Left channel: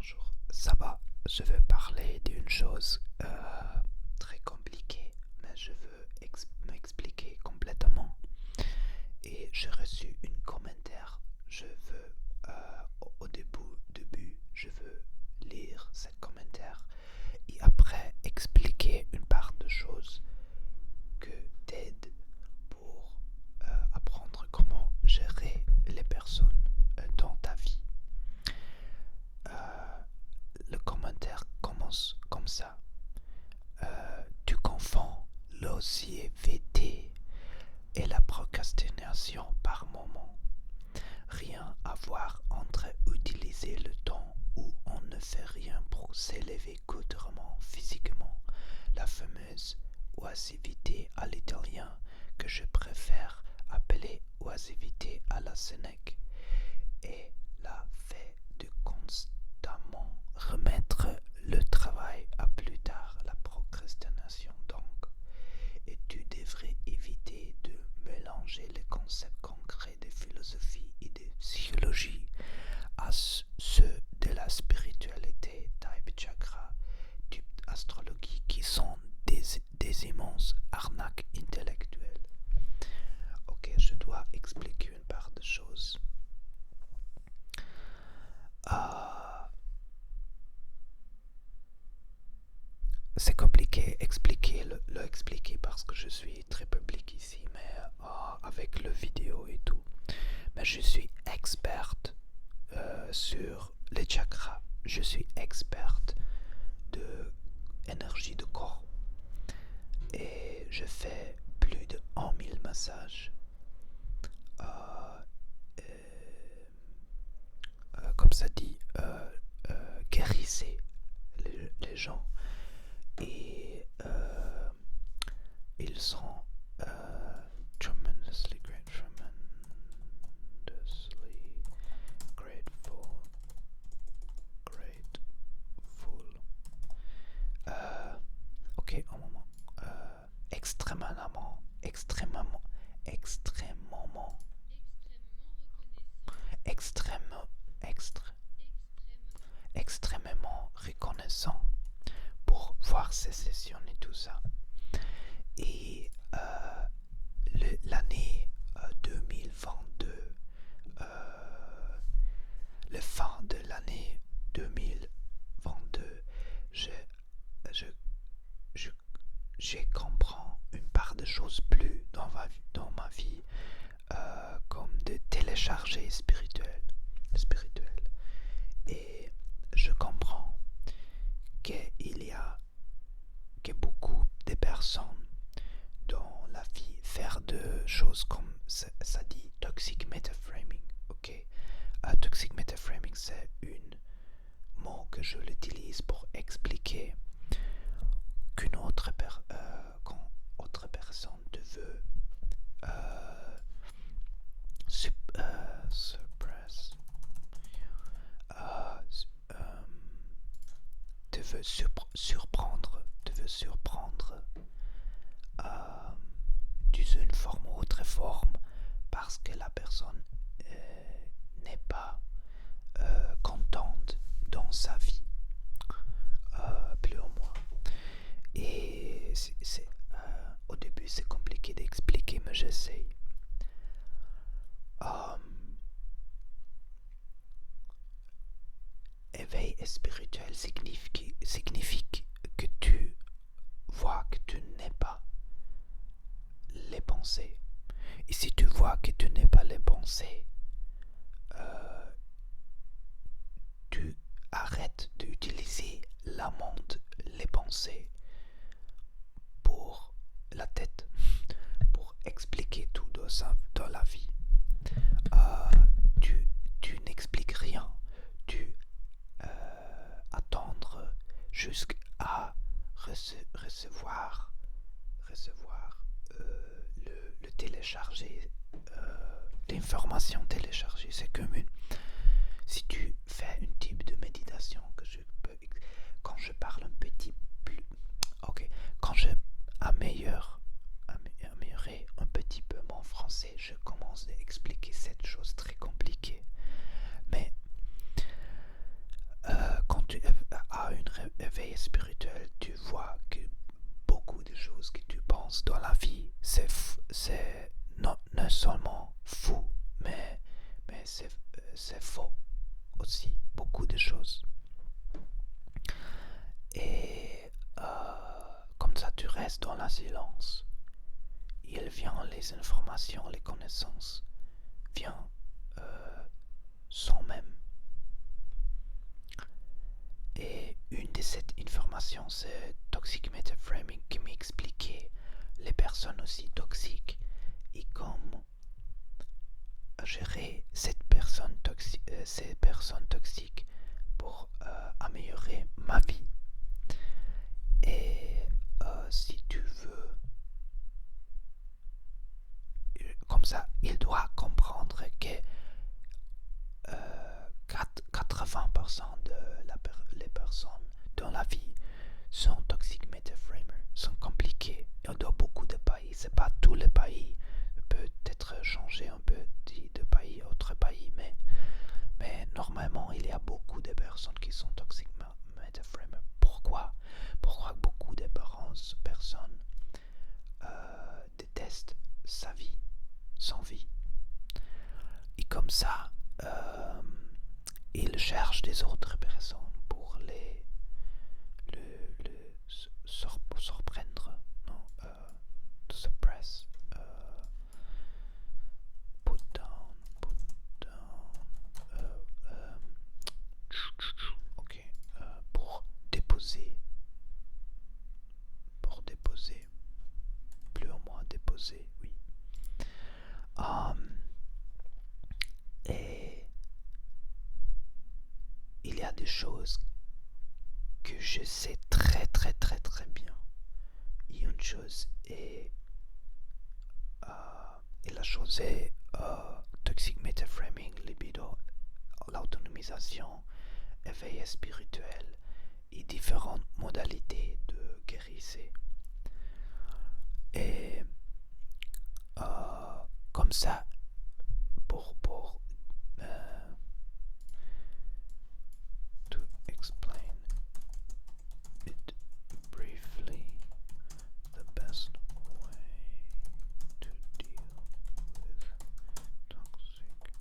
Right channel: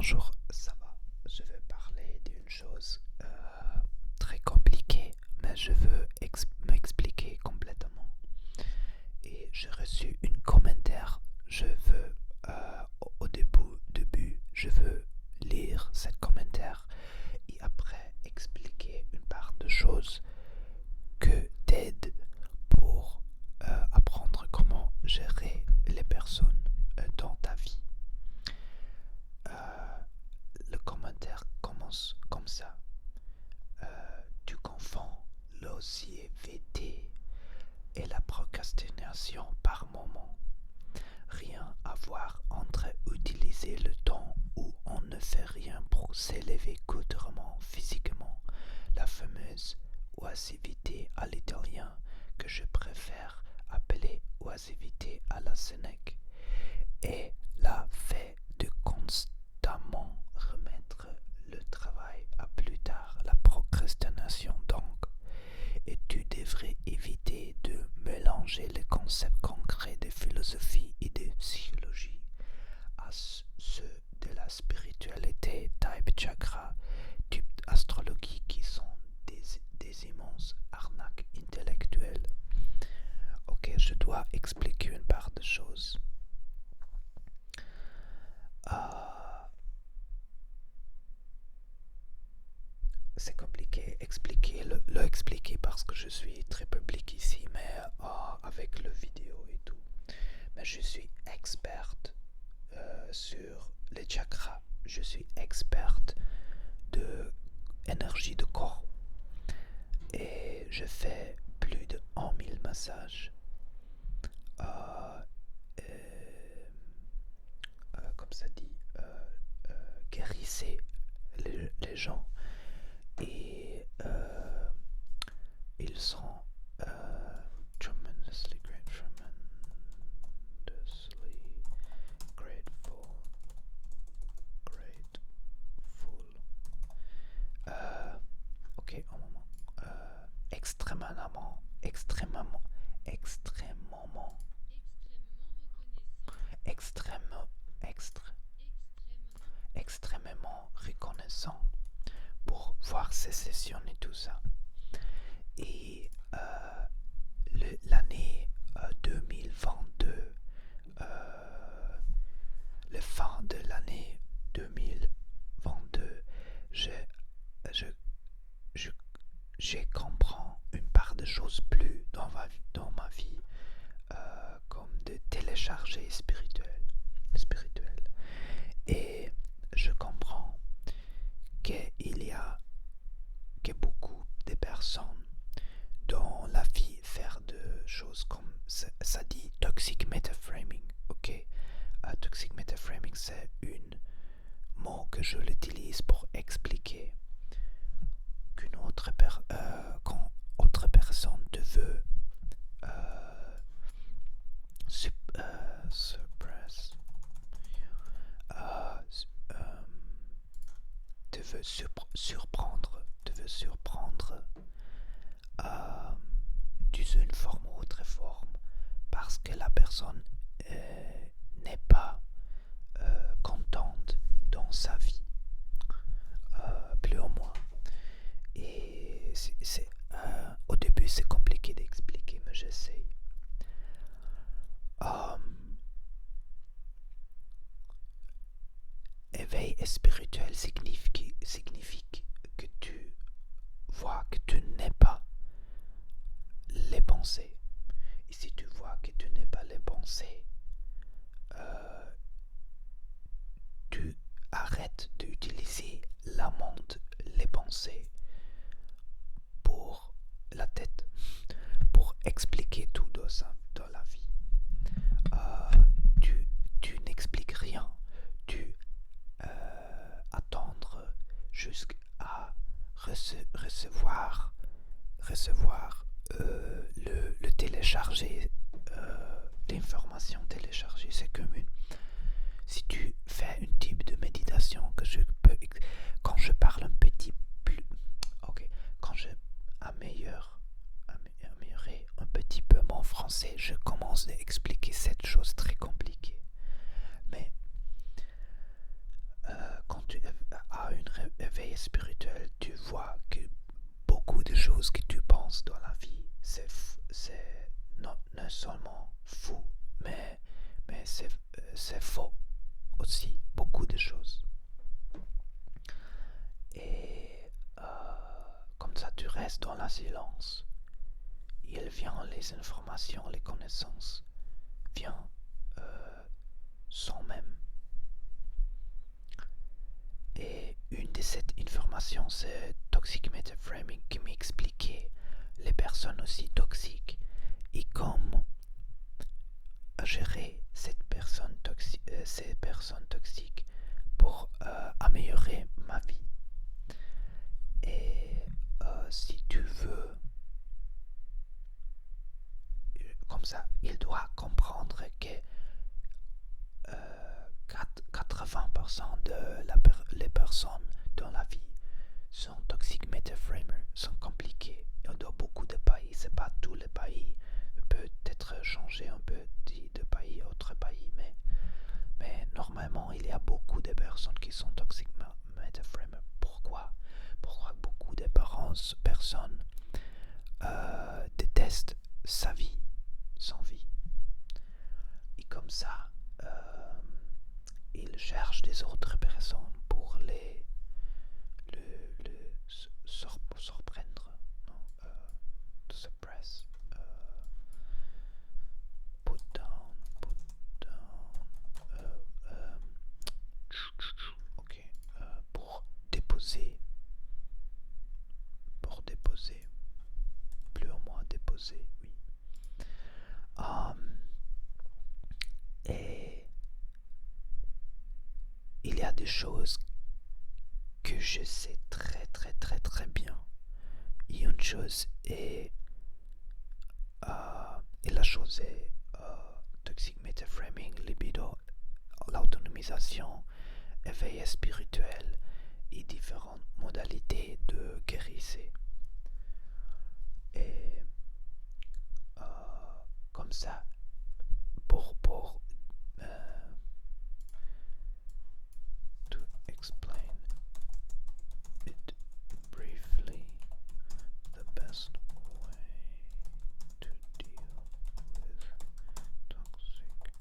Bonjour, ça va? Je veux parler d'une chose très compliquée, mais je veux m'expliquer complètement. Et j'ai reçu un commentaire. Je veux, au début, je veux lire ce commentaire et après expliquer une part de choses que t'aident pour apprendre comment gérer les personnes dans ta vie. Le commentaire commence comme ça. Tu confonds l'OCVT et la procrastination par moment. Rien à voir entre utiliser le temps où on ne fait rien pour s'élever culturellement, physiquement, la fameuse oisivité à l'italien que je préfère appeler oisivité à la Sénèque, et la fait de constamment remettre le travail à plus tard, la procrastination donc. Et tu devrais éviter de mélanger les concepts concrets de philosophie et de psychologie à ceux de la spiritualité type chakra, type astrologie, qui sont des immenses arnaques intellectuelles. Ok, je dois expliquer une part de choses. C'est compliqué le expliquer parce que je suis très public ici, mais avec le vidéo et tout. Mais je suis experte sur les chakras. Je suis experte de énergie de corps. Et je fais plus de 1000 massages. Comme ça dit, guérissez les gens. Et ils sont tremendously grateful. Ok, un moment. Extrêmement, extrêmement, extrêmement, extrêmement, extrêmement reconnaissant pour voir ces sessions et tout ça. Et l'année 2022, le fin de l'année 2022, je comprends une part de choses plus dans ma vie, comme de télécharger spirituel. Et je comprends qu'il y a que beaucoup de personnes dans la vie faire de choses comme ça dit toxic metaframing. Ok, toxic metaframing, c'est un mot que je l'utilise pour expliquer quand autre personne te veut suppress, te veut surprendre d'une une forme ou autre forme, parce que la personne n'est pas contente dans sa vie, plus ou moins. Et au début c'est compliqué d'expliquer, mais j'essaye. Éveil spirituel signifie que tu vois que tu n'es pas les pensées. Et si tu vois que tu n'es pas les pensées, tu arrêtes d'utiliser la mente, les pensées, pour la tête, pour expliquer tout dans la vie. Tu n'expliques rien. Tu attendre jusqu'à recevoir le télécharger, l'information téléchargée. C'est commun. Si tu fais un type de méditation que je peux, quand je parle un petit plus, ok, quand je améliorer un petit peu mon français, je commence à expliquer cette chose très compliquée. Mais quand éveil spirituel, tu vois que beaucoup de choses que tu penses dans la vie, c'est non seulement fou, mais c'est faux aussi, beaucoup de choses. Et comme ça, tu restes dans le silence. Il vient les informations, les connaissances, vient sans même. Et une de ces informations, c'est Toxic Metaframing qui m'expliquait les personnes aussi toxiques et comment gérer ces personnes toxiques pour améliorer ma vie. Et si tu veux, comme ça, il doit comprendre que 80% les personnes dans la vie sont toxic metaframers, sont compliqués. Il y a beaucoup de pays, c'est pas tous les pays, peut-être changer un peu de pays à autre pays, mais normalement il y a beaucoup de personnes qui sont toxic metaframers. Pourquoi beaucoup de personnes détestent sa vie, son vie. Et comme ça, il cherche des autres personnes pour le surprendre, non, to suppress, put down, ok, pour déposer, plus ou moins déposer, oui. Et il y a des choses que je sais très très très très bien. Et une chose est et la chose est toxic metaframing, libido, l'autonomisation, éveil spirituel et différentes modalités de guérison. Et comme ça, pour to explain it briefly, the best way to deal with toxic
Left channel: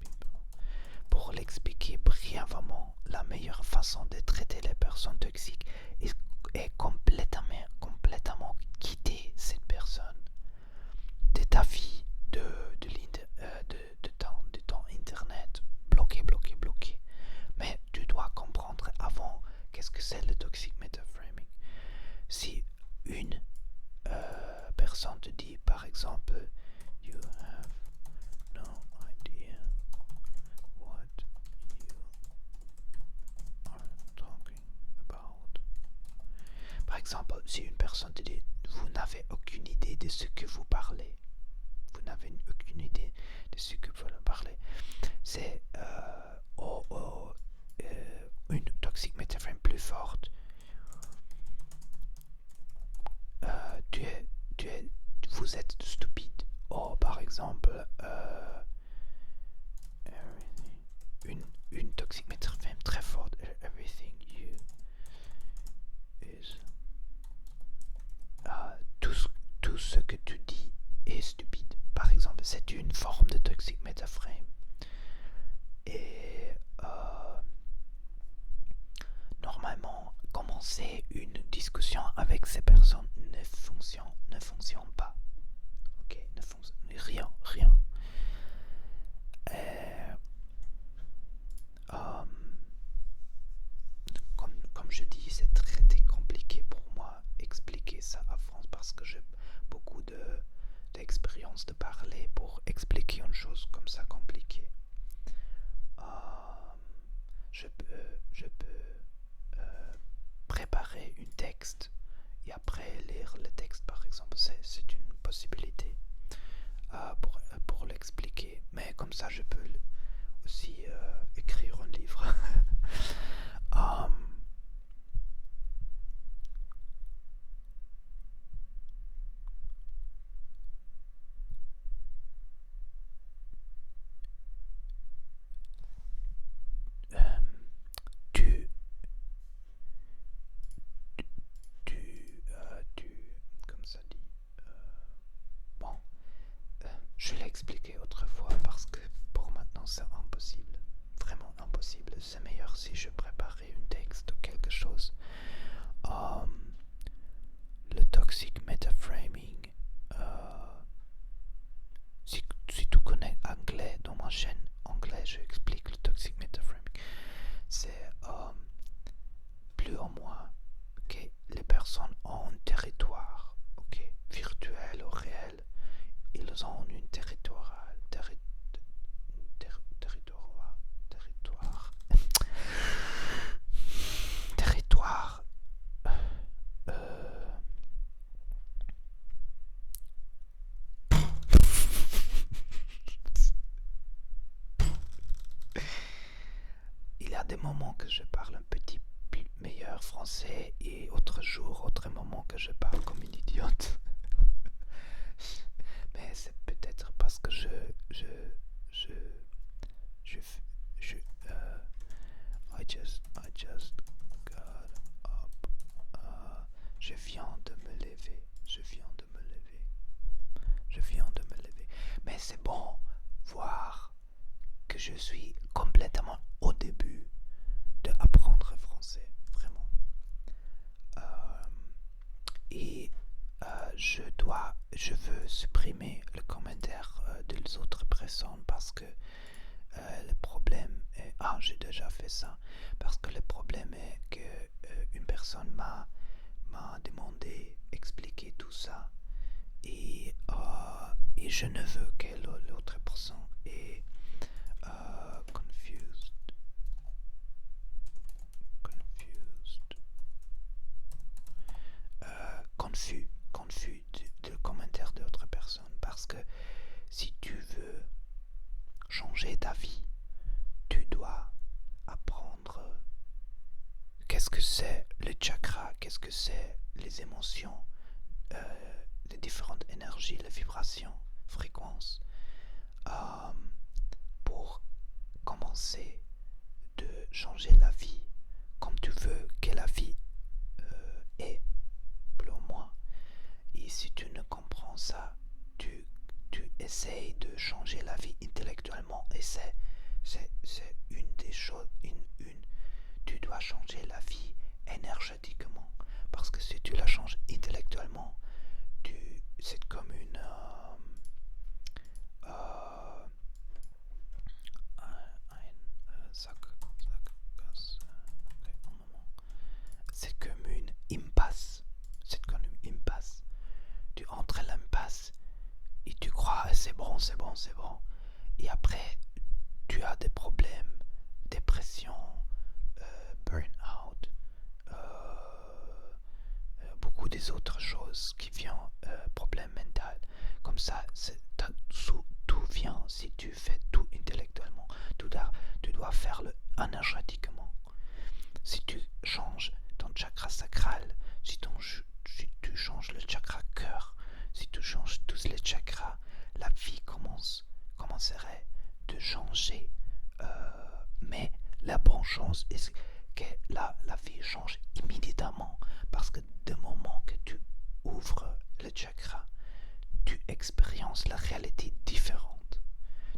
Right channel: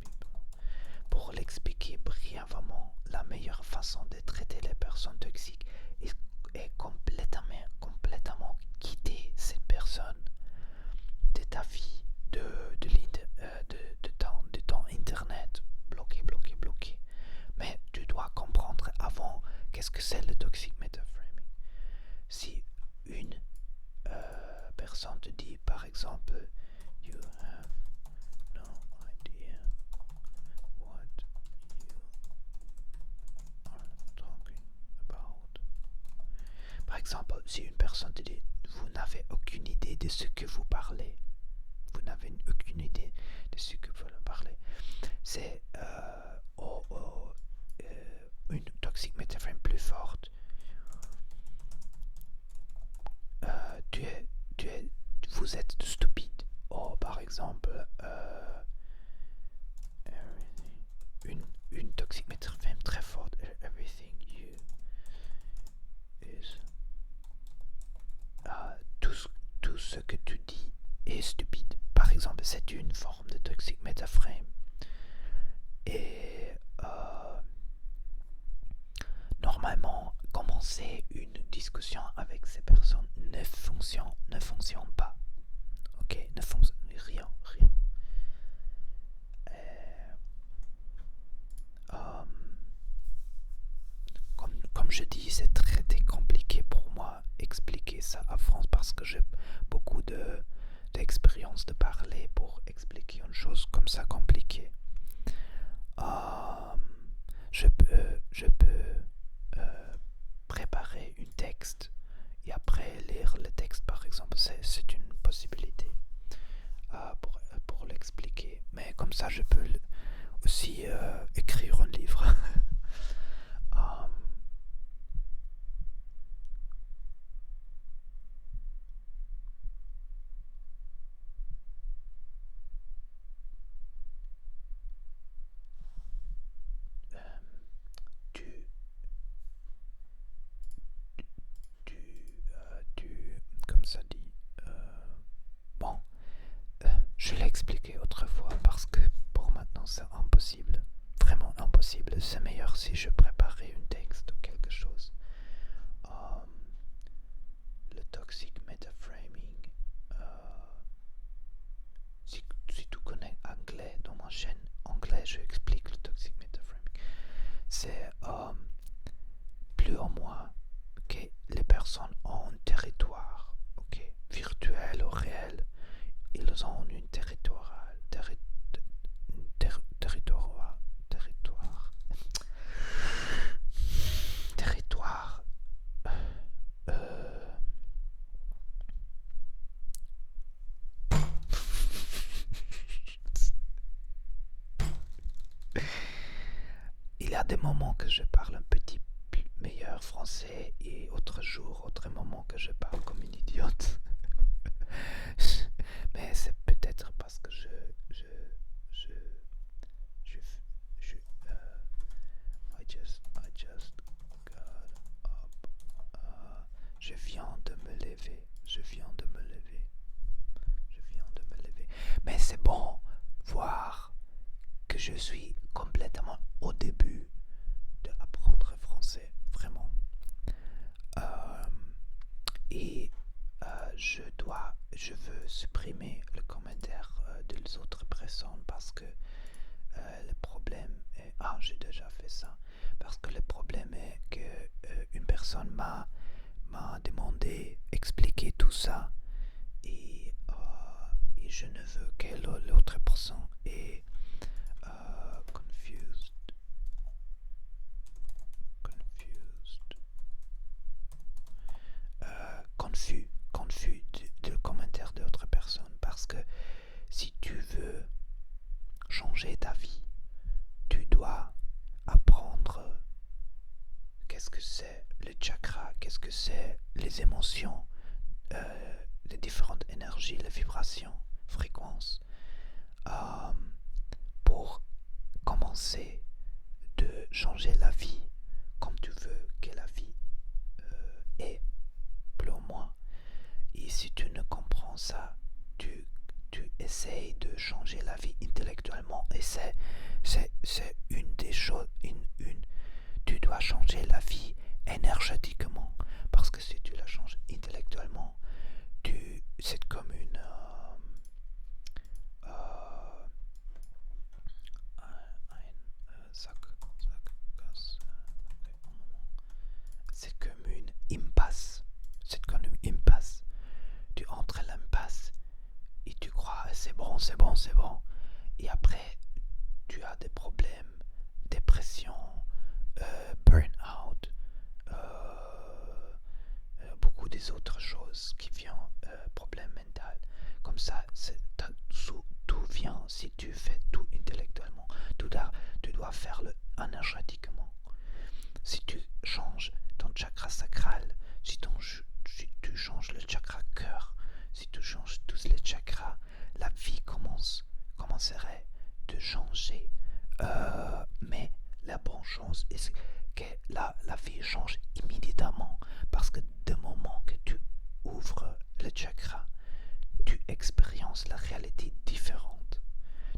people. Pour l'expliquer brièvement, la meilleure façon de traiter les personnes toxiques est complètement quitter cette personne de ta vie, de ton internet, bloqué. Mais tu dois comprendre avant qu'est-ce que c'est le toxic metaframing. Si une personne te dit par exemple you have no idea what you are talking about. Par exemple, si une personne te dit vous n'avez aucune idée de ce que vous parlez, c'est une toxic metaframe plus forte. Vous êtes stupide. Ou par exemple, une toxic metaframe très forte. Everything you is tout ce que tu dis est stupide. Par exemple, c'est une forme de toxic metaframe. Et normalement, commencer une discussion avec ces personnes ne fonctionne pas. Ok, ne fonctionne rien. Comme je dis, c'est très compliqué pour moi expliquer ça à France parce que j'ai beaucoup d'expérience de parler pour expliquer une chose comme ça compliquée. Je peux préparer un texte et après lire le texte, par exemple. C'est une possibilité pour l'expliquer. Mais comme ça, je peux aussi écrire un livre. expliqué autrefois parce que pour maintenant c'est impossible. Vraiment impossible. C'est meilleur si je préparais un texte ou quelque chose. Le toxic metaframing. Si tu connais anglais, dans ma chaîne anglais, je explique le toxic metaframing. C'est plus ou moins que les personnes ont un territoire, virtuel ou réel. Ils ont une territoire. Il y a des moments que je parle un petit meilleur français et autres jours, autres moments que je parle comme une idiote. Mais c'est peut-être parce que I just got up. Je viens de me lever. Mais c'est bon voir que je suis complètement au début de apprendre français, vraiment. Et je veux supprimer le commentaire des autres personnes parce que le problème est... Ah, j'ai déjà fait ça. Parce que le problème est que une personne m'a demandé expliquer tout ça et je ne veux que l'autre personne est confus de commentaires d'autres personnes parce que si tu veux changer ta vie, tu dois apprendre qu'est-ce que c'est le chakra, qu'est-ce que c'est les émotions, les différentes énergies, les vibrations, fréquences, pour commencer de changer la vie comme tu veux que la vie est, plus ou moins. Et si tu ne comprends ça, tu essayes de changer la vie intellectuellement et c'est une des choses, tu dois changer la vie énergétiquement parce que si tu la changes intellectuellement, c'est comme une c'est comme une impasse. Tu entres à l'impasse et tu crois c'est bon. Et après, tu as des problèmes, dépression, burn-out, beaucoup des autres choses qui viennent, problèmes mentaux. Comme ça, tout vient si tu fais tout intellectuellement. Tu dois faire le énergétiquement. Si tu changes ton chakra sacral, si tu changes le chakra cœur, si tu changes tous les chakras, la vie commencerait de changer. Mais la bonne chose est que la vie change immédiatement parce que du moment que tu ouvres le chakra, tu expériences la réalité différente.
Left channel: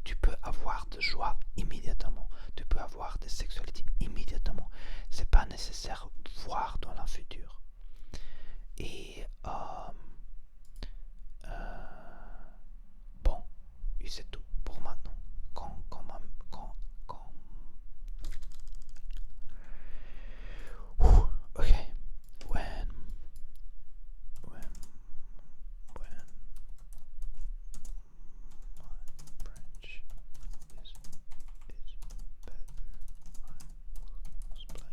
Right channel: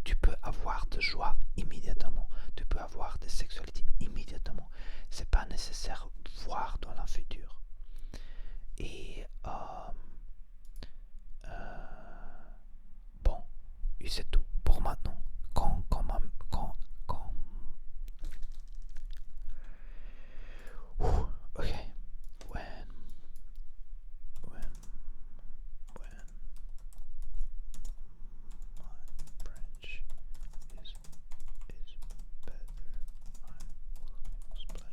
Tu peux avoir de joie immédiatement, tu peux avoir de sexualité immédiatement. C'est pas nécessaire voir dans le futur. Et bon, et c'est tout pour maintenant. Quand okay. When my French is better, I will explain.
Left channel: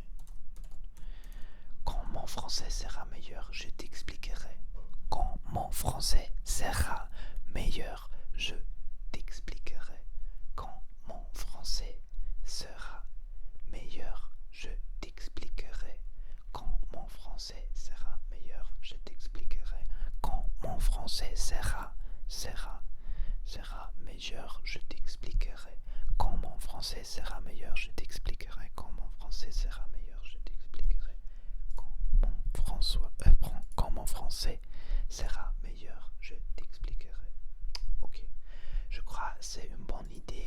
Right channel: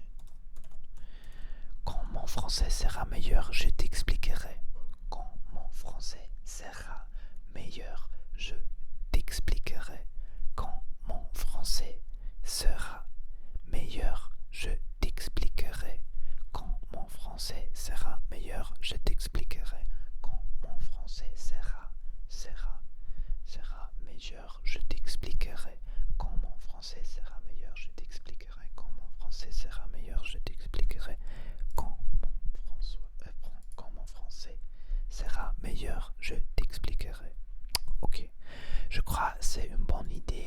Quand mon français sera meilleur, je t'expliquerai. Quand mon français sera meilleur, je t'expliquerai. Quand mon français sera meilleur, je t'expliquerai. Quand mon français sera meilleur, je t'expliquerai. Quand mon français sera meilleur, je t'expliquerai. Quand mon français sera meilleur, je t'expliquerai. Quand mon français sera meilleur, je t'expliquerai. Quand mon français sera meilleur, je t'expliquerai. Ok, Je crois que c'est une bonne idée.